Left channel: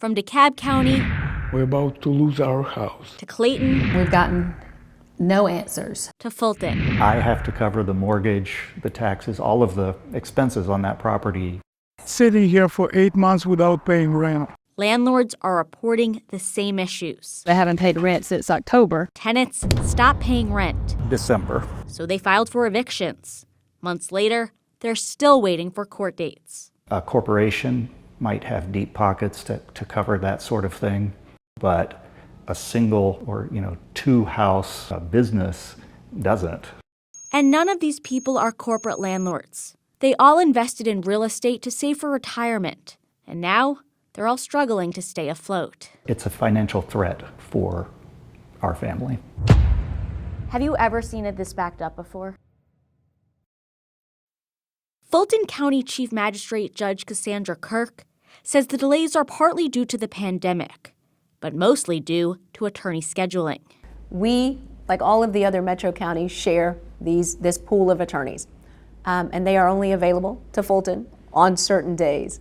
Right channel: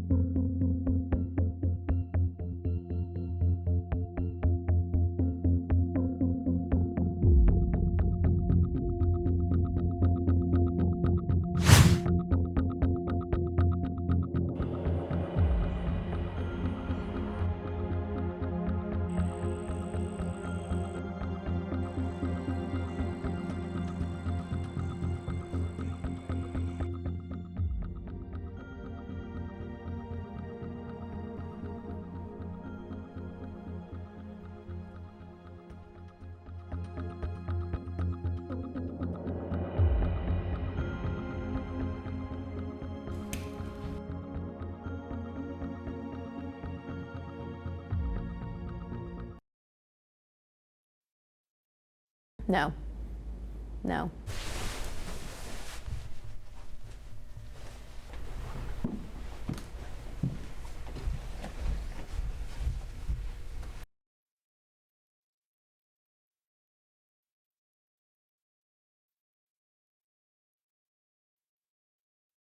From DeKalb County, we're about to lose our house. to Clayton, We've gotten no answers. to Fulton. I have to cover the mortgage, the taxes, all of the expenses on that property. Sitting here for 8 months without paying rent. Landlords are reporting the same issues. They haven't paid rent since October. Tenants stopped paying rent, December. so they filed for evictions. Months later, they're still waiting for court dates. A corporation might have deep pockets to cover that sort of thing, but a single or two-house business doesn't. And none of these people are corporate landlords. They all invested in real estate to save for retirement. And now, they're all struggling to stay afloat. It's a financial threat for our family. Have you ever seen it this backed up before? No. No. Fulton County Chief Magistrate Judge Cassandra Kirk says the delays are partly due to the pandemic, but mostly due to attorney scheduling. We, like all of the other metro counties, share this pool of attorneys, and they are only available to Fulton on certain days.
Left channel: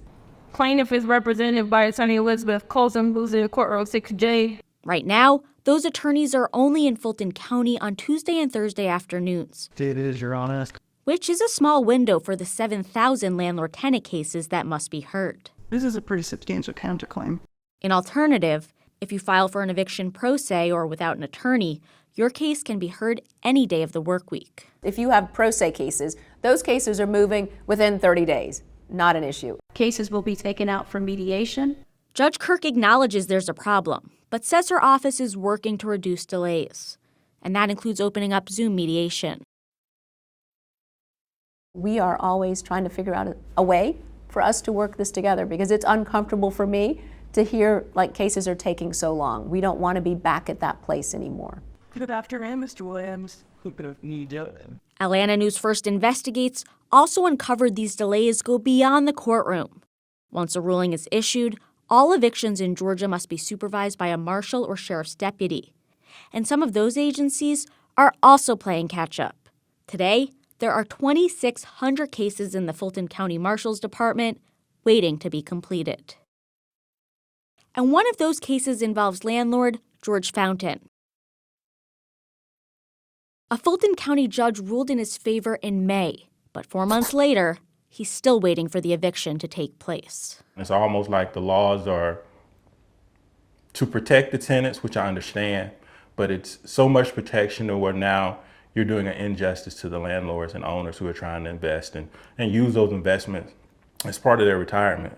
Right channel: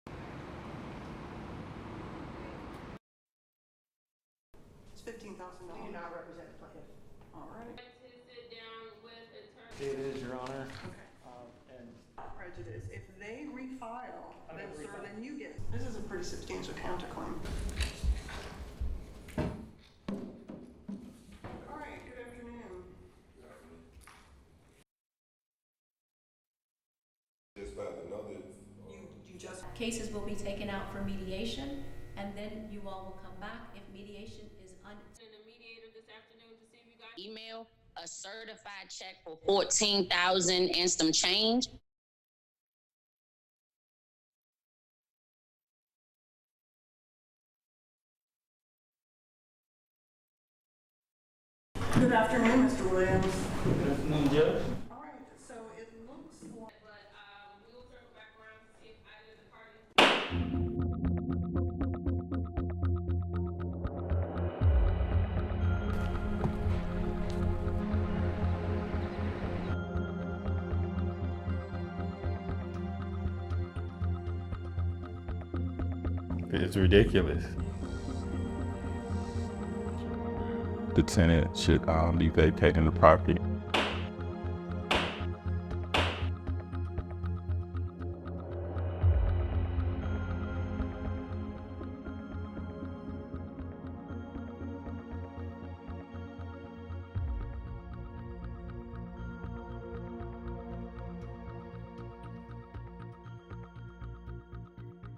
Plaintiff is represented by attorney Elizabeth Colson, who's in courtroom 6J. Right now, those attorneys are only in Fulton County on Tuesday and Thursday afternoons, It is, Your Honor. which is a small window for the 7,000 landlord-tenant cases that must be heard. This is a pretty substantial counterclaim. In alternative, if you file for an eviction pro se or without an attorney, your case can be heard any day of the work week. If you have pro se cases, those cases are moving within 30 days. Not an issue. Cases will be taken out for mediation. Judge Kirk acknowledges there's a problem, but says her office is working to reduce delays. And that includes opening up Zoom mediation. 14,000 and some change. We are always trying to figure out a way for us to work this together because it's uncomfortable for me to hear like cases are taking so long. We don't want to be back at that place anymore. Good afternoon, Mr. Williams. Good afternoon, Judge. Atlanta News First Investigates also uncovered these delays go beyond the courtroom. Once a ruling is issued, all evictions in Georgia must be supervised by a marshal or sheriff's deputy. And some of those agencies are also playing catch-up. Today, there are 2,600 cases in the Fulton County Marshal's Department waiting to be completed. It's ridiculous. And one of those cases involves landlord George Fountain. The tenant should be vacating the property. A Fulton County judge ruled in his favor in May, but 4 months later, he's still waiting for the eviction to take place. It's almost like the laws are to protect the tenants, which I understand, but it's so much protection to where now you're doing an injustice to the landlords and owners who are trying to invest and use those investments as part of their retirement.